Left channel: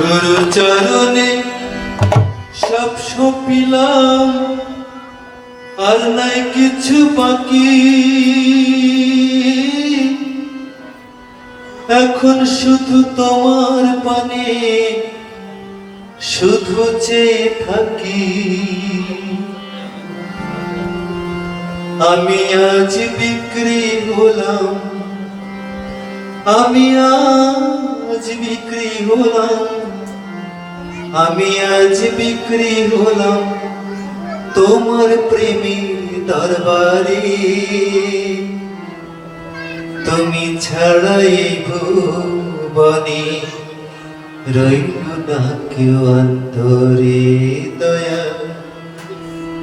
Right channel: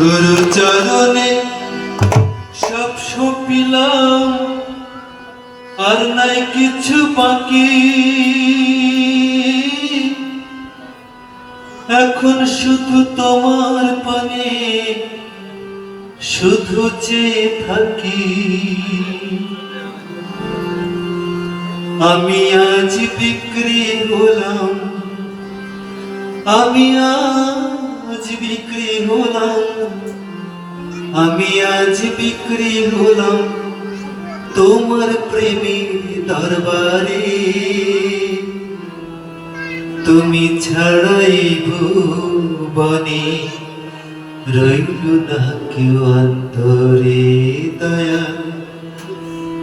গুরু চরণে সব সপিলাম, আর নাই কিছু বাকি। এখন শুধু তোমার পানে শুধু চেয়ে থাকি। আমি আজ বিক্রি হলাম, আমি আজ বিক্রি হলাম, আমি আজ বিক্রি হলাম তোমার প্রেমের দরবারে। তুমি ছাড়াই ভুবনে রইল না কেউ অন্তরে দয়া।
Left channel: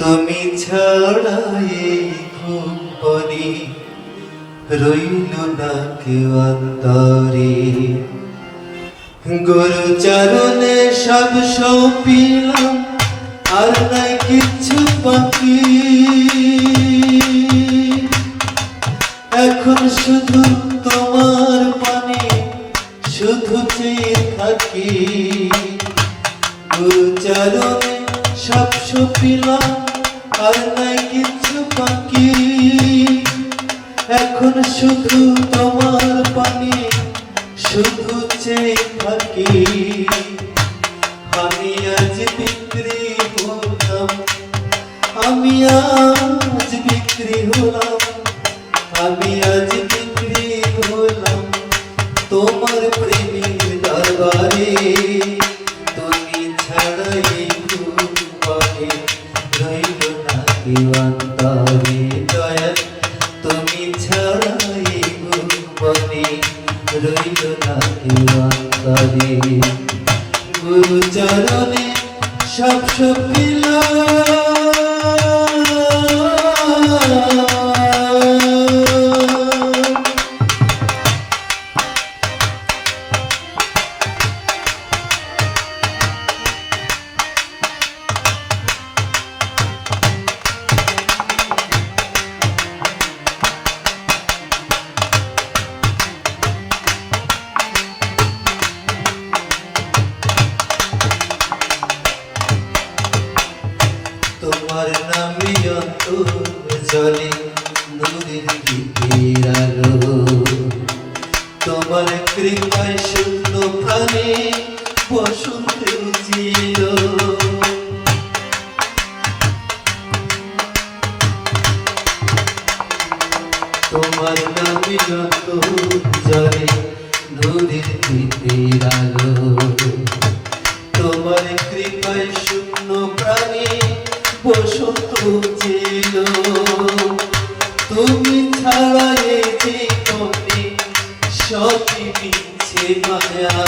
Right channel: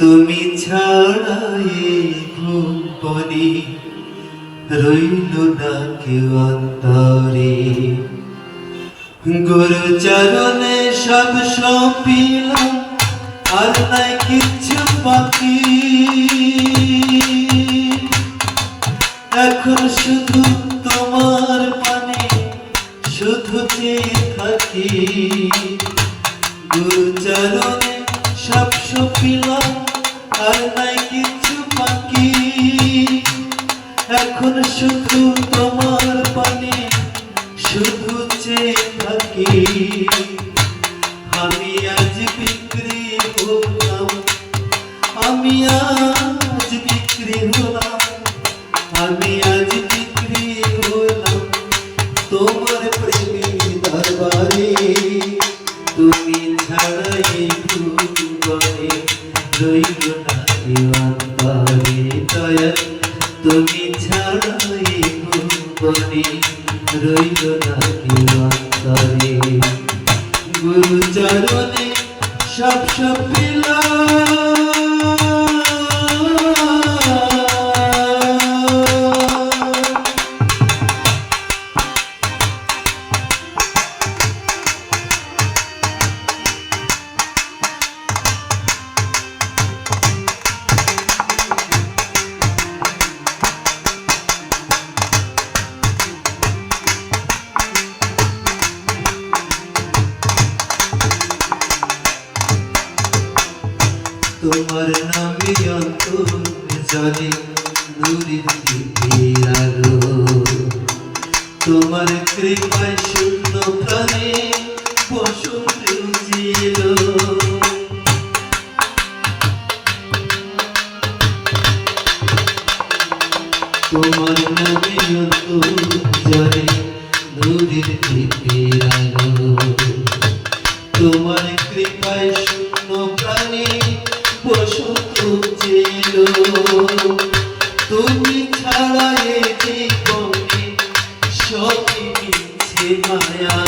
তুমি ছাড়াই ভুবনে রইল না কেউ অন্তরে। গুরু চরণে সব সপিলাম, আর নাই কিছু বাকি। এখন শুধু তোমার পানে শুধু চেয়ে থাকি। গুরু চরণে সব সপিলাম, আর নাই কিছু বাকি। এখন শুধু তোমার পানে শুধু চেয়ে থাকি। আমি আজ বিক্রি হলাম, আমি আজ বিক্রি হলাম, আমি আজ বিক্রি হলাম তোমার প্রেমের দরবারে। তুমি ছাড়াই ভুবনে রইল না কেউ অন্তরে দয়া। তুমি ছাড়াই ভুবনে রইল না কেউ অন্তরে। গুরু চরণে সব সপিলাম। তোমার নামে অন্তর জলে নূরের দীপের আলো। তোমার কৃপায় শূন্য প্রাণে বসন্ত ছিল। তোমার নামে অন্তর জলে নূরের দীপের আলো। তোমার কৃপায় শূন্য প্রাণে বসন্ত ছিল। তুমি ছাড়া এ জীবনে সবই মিছে মায়া।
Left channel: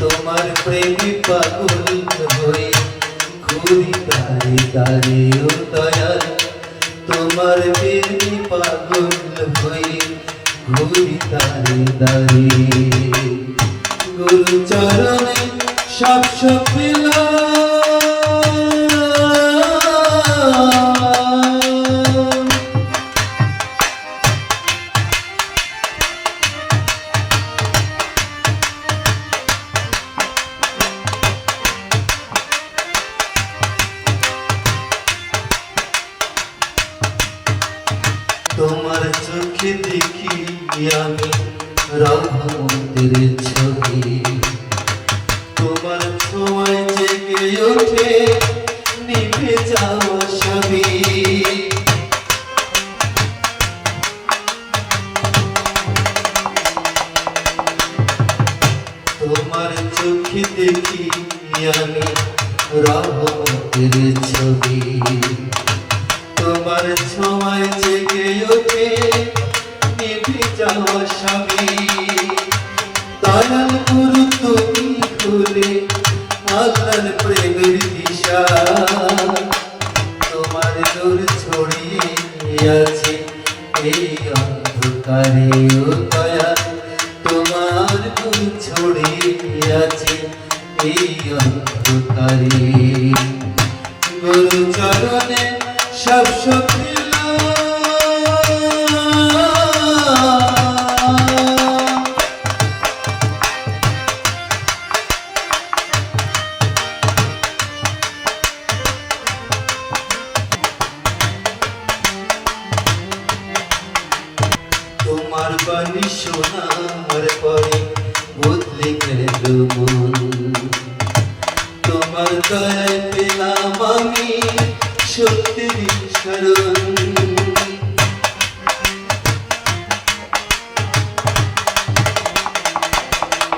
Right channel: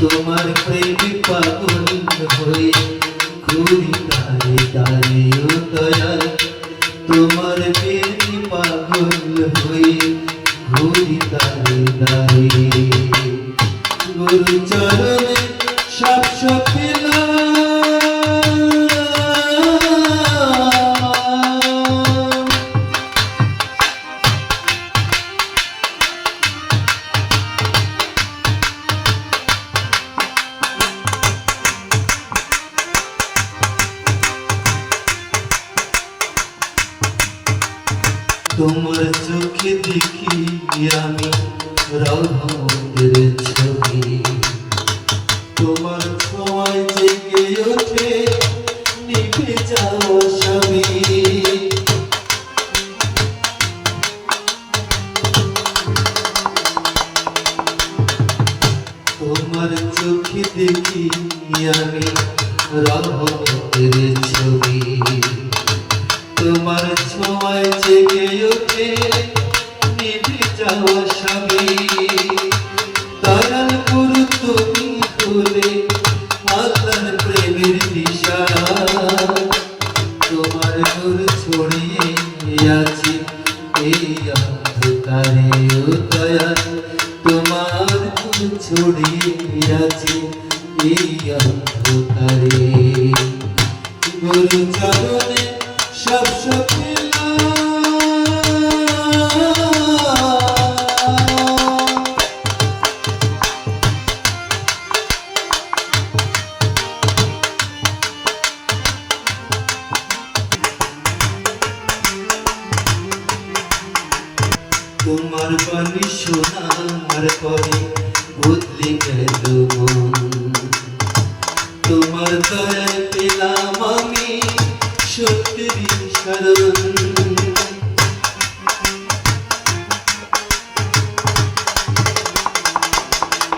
তোমার প্রেমে পাগল হয়ে ঘুরি তারে তারে ও দয়া। তোমার প্রেমে পাগল হয়ে ঘুরি তারে তারে। গুরু চরণে সব সপিলাম। তোমার চোখে দেখি আমি রহমতের ছবি। তোমার ছোঁয়ায় জেগে ওঠে নিভে যাওয়া স্বামী। তোমার চোখে দেখি আমি রহমতের ছবি। তোমার ছোঁয়ায় জেগে ওঠে নিভে যাওয়া স্বামী। দয়াল গুরু তুমি হলে আল্লাহর প্রেমের দিশা। তোমার নূর ছড়িয়ে আছে এই অন্ধকারে ও দয়া। তোমার নূর ছড়িয়ে আছে এই অন্ধকারে। গুরু চরণে সব সপিলাম। গেল মন। তোমার দয়ায় পেলাম আমি সত্যেরই শরণ।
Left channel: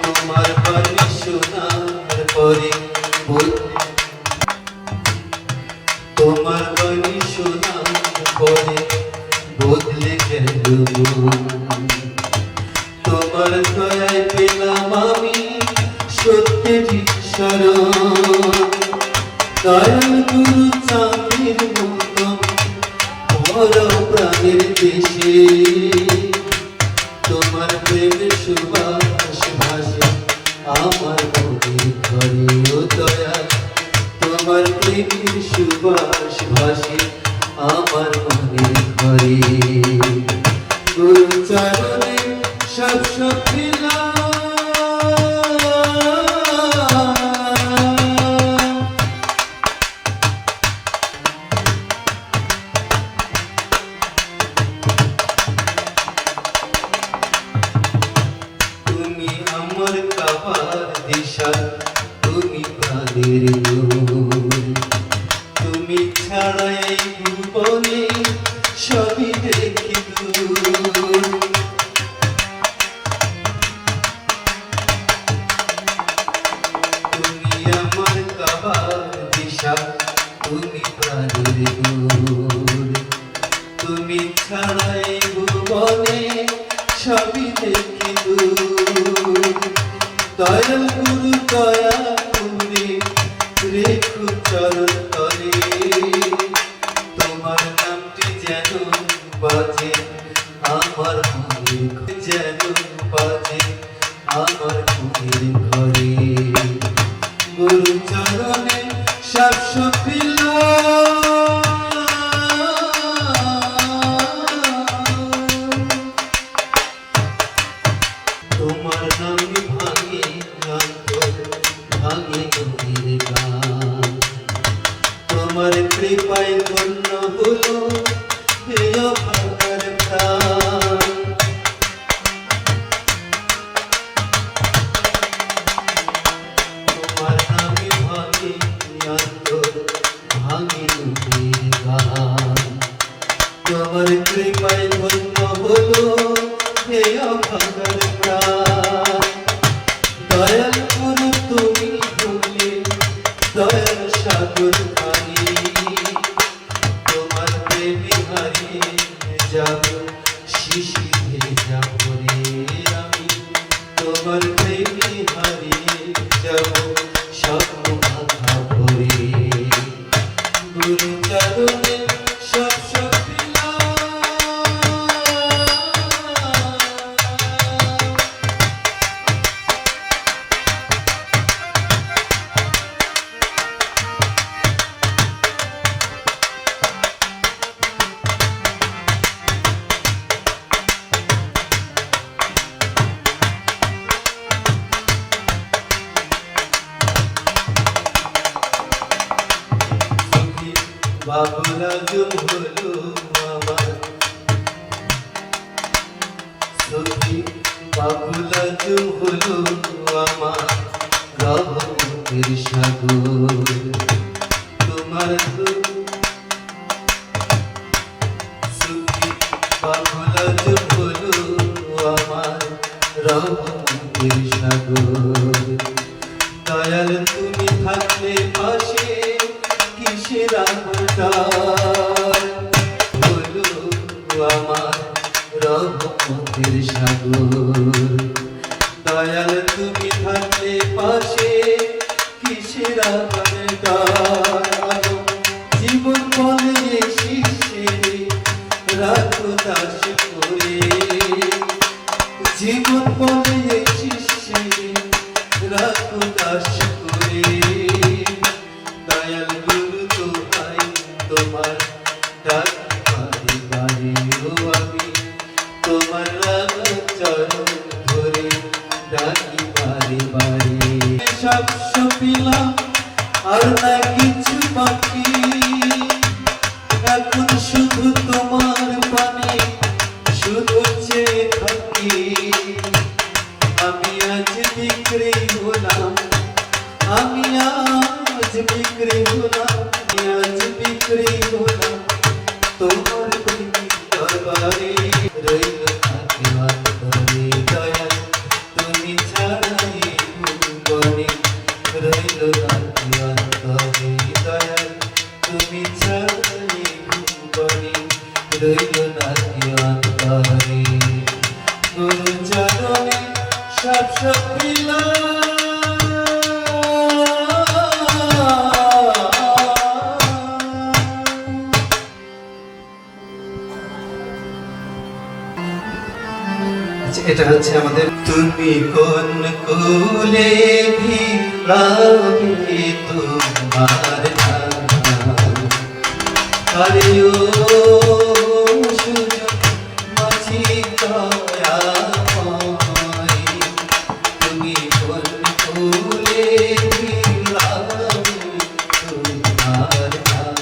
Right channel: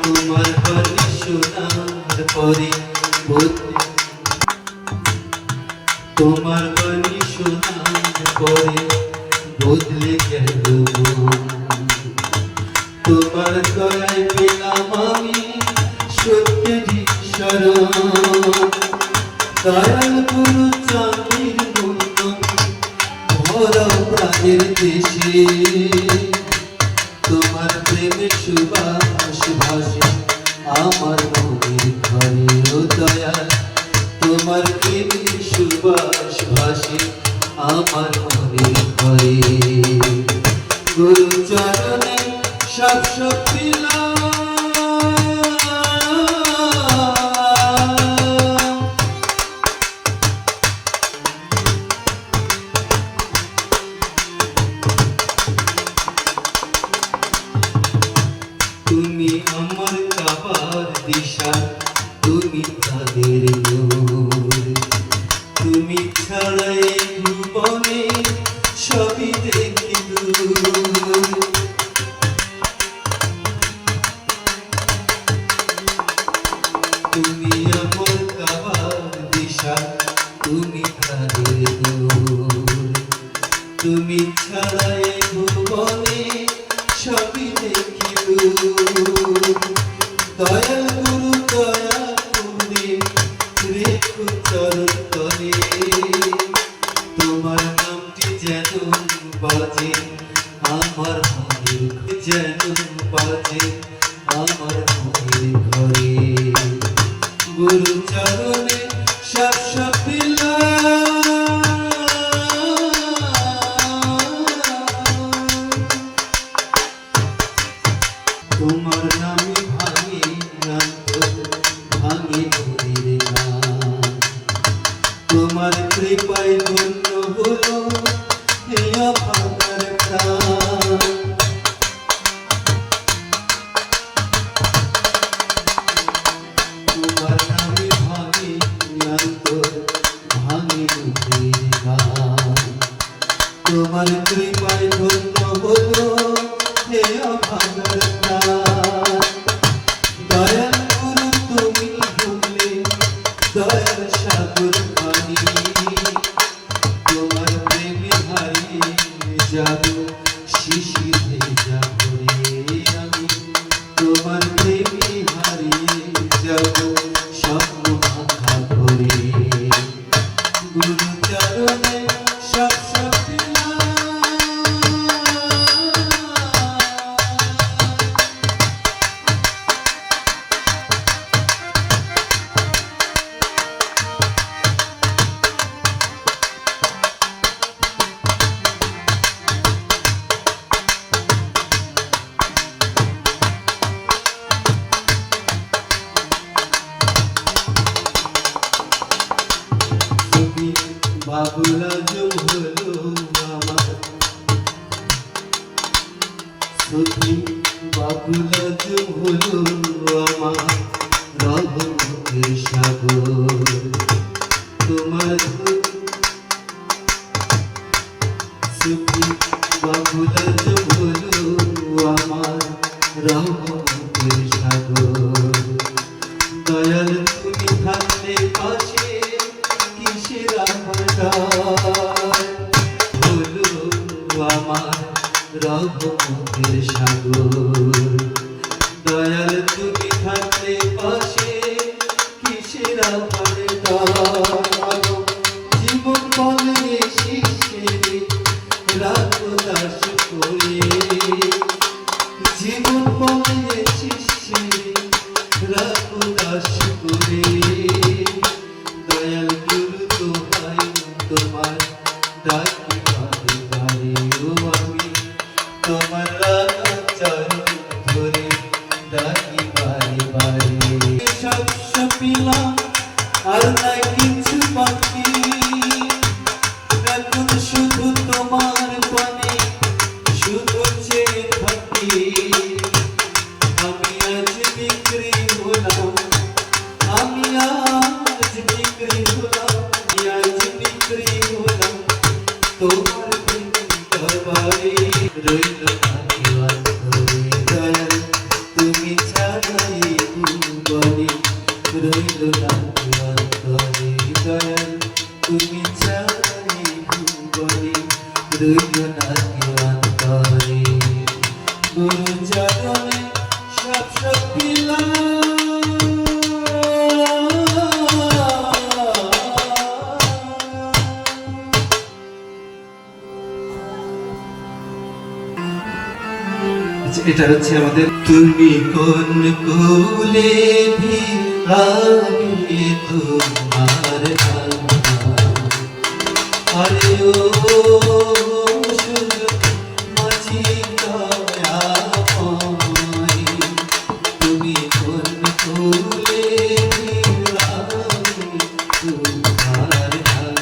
তোমার বাণী শোনার পরে তোমার বাণী শোনার পরে বদলে গেল মন। তোমার দয়ায় পেলাম আমি সত্যেরই শরণ। দয়াল গুরু চাঁদের মতো ভরা প্রাণের দেশে তোমার প্রেমের সুবাস ভাসে আমার মনের ঘরে। ও দয়াল তোমার প্রেমের সুবাস ভাসে আমার মনের ঘরে। গুরু চরণে সব সখিলা তুমি আমার কাবার দিশা, তুমি প্রাণের নূর। তুমি ছাড়া এই ভুবনে সবই দেখি দূর। তুমি আমার কাবার দিশা, তুমি প্রাণের নূর। তুমি ছাড়া এই ভুবনে সবই দেখি দূর। দয়াল গুরু দয়া করে রেখো চরণ তলে। তোমার নামটি যেন বাজে আমার মনের যেন বাজে আমার মনের ঘরে। গুরু চরণে সব সপিলা তোমার নামে ভাঙে ভাঙে নদীর গান। তোমার কৃপায় ধন্য হলো এই অভাগার প্রাণ। তোমার নামে ভাঙে ভাঙে নদীর গান। তোমার কৃপায় ধন্য হলো এই অভাগার প্রাণ। দয়াল গুরু তুমি হলে দয়ার সাগর পানি। তোমার প্রেমে হারিয়ে যাব শিশির ভেজা ভরে আমি। তোমার প্রেমে হারিয়ে যাব স্বপ্ন মাথা ভরে। গুরু চরণে সব সপিলা বাবুলা জুম হলো আমার। সখী বাবুলা জুম হলো আমার রহমতের সাগর। তোমার সখী বাবুলা জুম হলো আমার রহমতের সাগর। দয়াল তুমি থাকলে পাশে কিসের আহার হলো আমার রহমতের সাগর। দয়াল তুমি থাকলে পাশে কিসের আহার। জীবন বলে শিশে রাখো দাস করে। জীবন বলে শিশে রাখো দাস করে। দয়াল গুরু দোহাই তোমার ডাকি বারে বারে। ও আমি তোমার রাধা চরণ ধরে ডাকি বারে বারে। সব সপিলাম আর না কিছু বাকি। এখন শুধু তোমার পানে শুধু চেয়ে থাকি। আমি আজ বিক্রি হল বিক্রি হলাম, আজ বিক্রি হলাম তোমার প্রেমে দরবারে। রইল না কি অন্তরে দয়াল তুমি ছাড়াই ভুবনে, রইল না কি অন্তরে দয়াল তুমি ছাড়াই ভুবনে, রইল না কি অন্তরে। গুরু চরণে সব বিলাম, এটা হচ্ছে আমাদের। তুমি কোন কুলে ভিড়াবে তোমার নাম, আরে ও সুজন মাঝি দয়াময়, তুমি কোন কুলে ভিড়াবে তোমার নাম।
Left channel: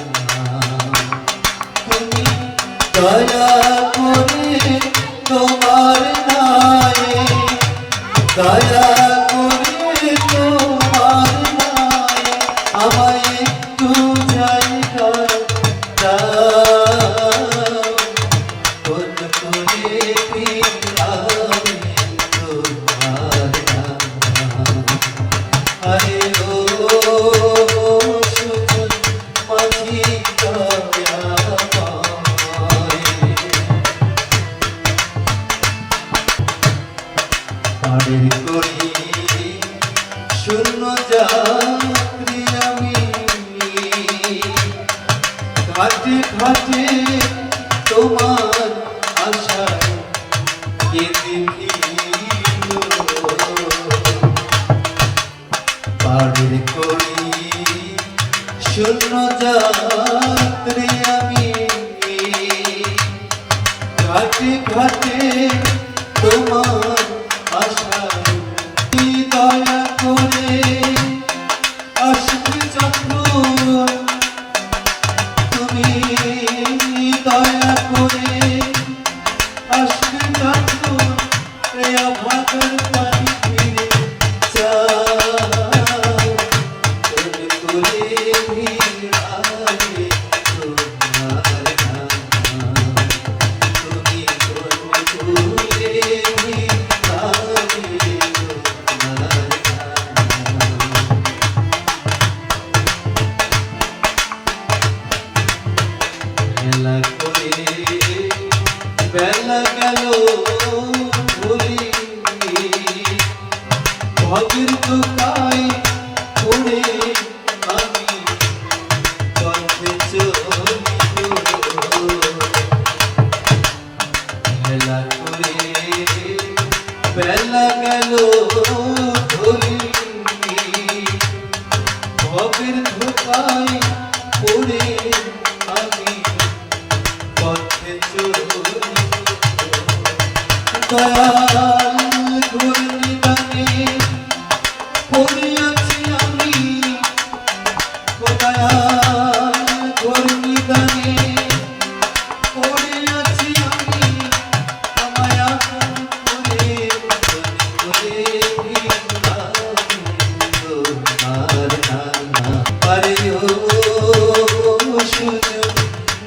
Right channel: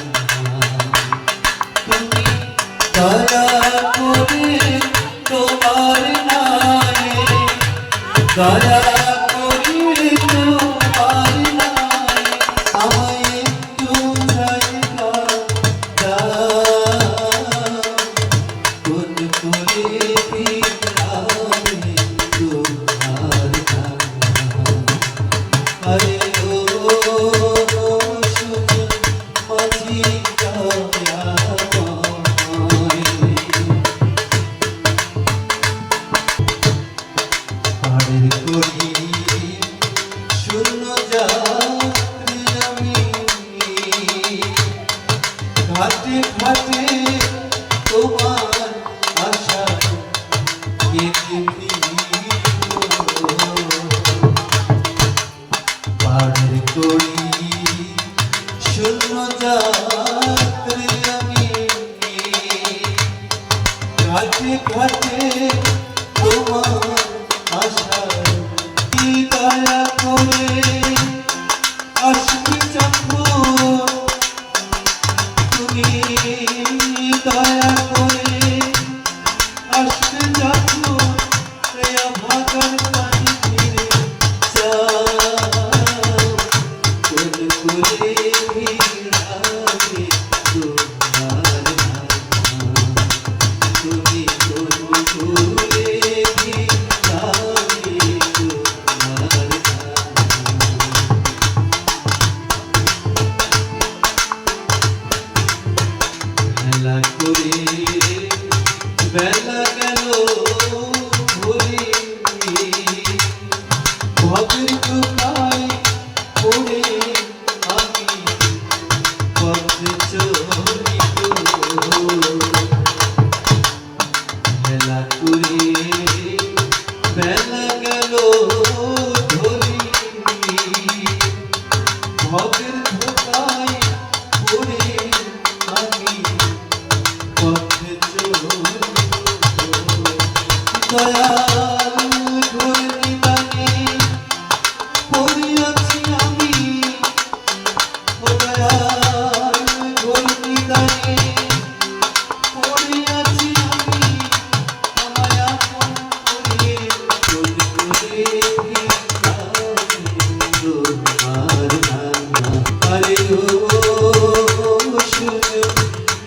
তুমি দয়া করে তোমার নামে, দয়া করে তোমার নামে আমায় একটু জায়গা দাও, কোন করে ভিড়াবে তোমার নাম। আরে ও সুজন মাঝি দয়াময়, পাড়ের করি শূন্য যাত্রী আমি, ঘাটে ঘাটে তোমার আশা কেঁদে ফিরিল। পাড়ের করি শূন্য যাত্রী আমি, ঘাটে ঘাটে তোমার আশা। দয়া করে আসবে যখন তুমি, দয়া করে আসবে যখন অভাগার পানি ফিরে যাও, কোন করে ভিড়াবে তোমার নাম। তুমি কোন কুলে ভিড়াবে তোমার নাম। মেলা করে বেলা গেল ভুলি, ভগের দোকায় পড়ে আমি পথে চলিব। মেলা করে বেলা গেল ভুলি, ভগের ধোকায় পড়ে আমি পথে চলিব। দয়াল ঘূর্ণিদানে পড়িয়াছি আমি, ও দয়াল ঘূর্ণিদানে পড়িয়াছি আমি, আমায় আপন করে কোন করে ভিড়াবে তোমার নাম। আরে ও সুজন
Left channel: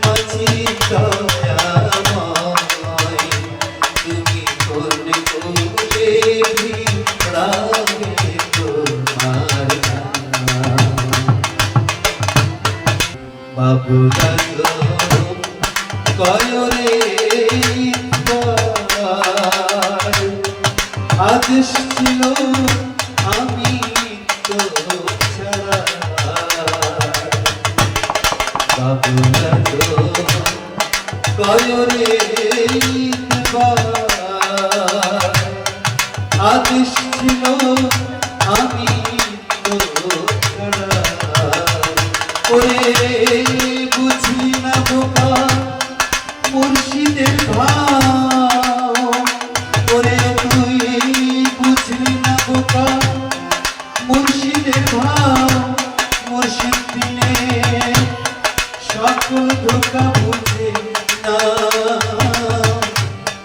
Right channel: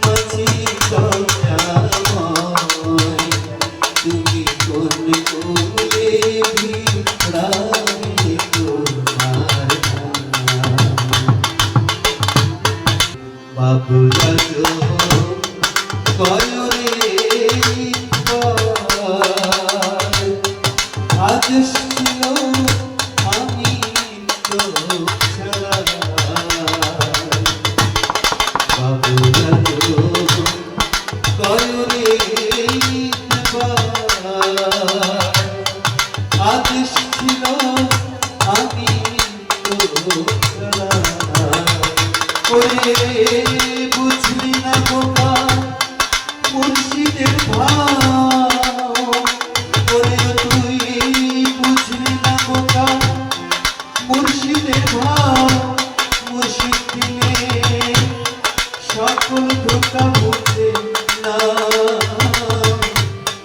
মাঝি দয়াময়, তুমি কোন কুলে ভিড়াবে তোমার নাম। বাবুরা তো কয় রে পর, আদেশ ছিল আমি তো ছাড়া। বাবুরা তো কয় রে পর, আদেশ ছিল আমি তো ছাড়া। ওরে বুঝলি না বোকা মুর্শিদের ভাব, ওরে তুই বুঝলি না বোকা মুর্শিদের ভাব। মুর্শিদ দিনে সকল ধোকা বুঝে না,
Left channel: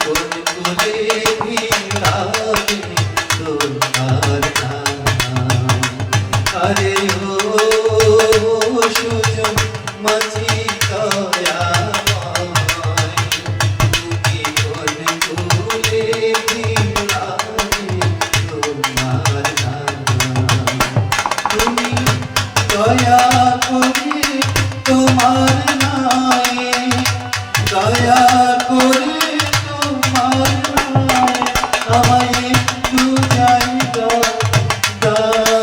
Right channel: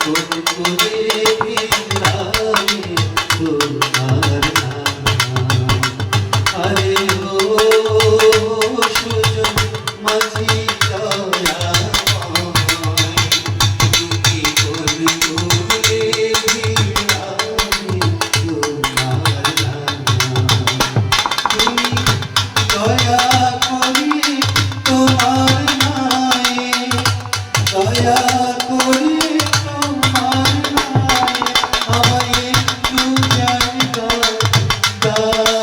কোন করে ভিড়াবে তোমার নাম। আরে ও আল্লাহ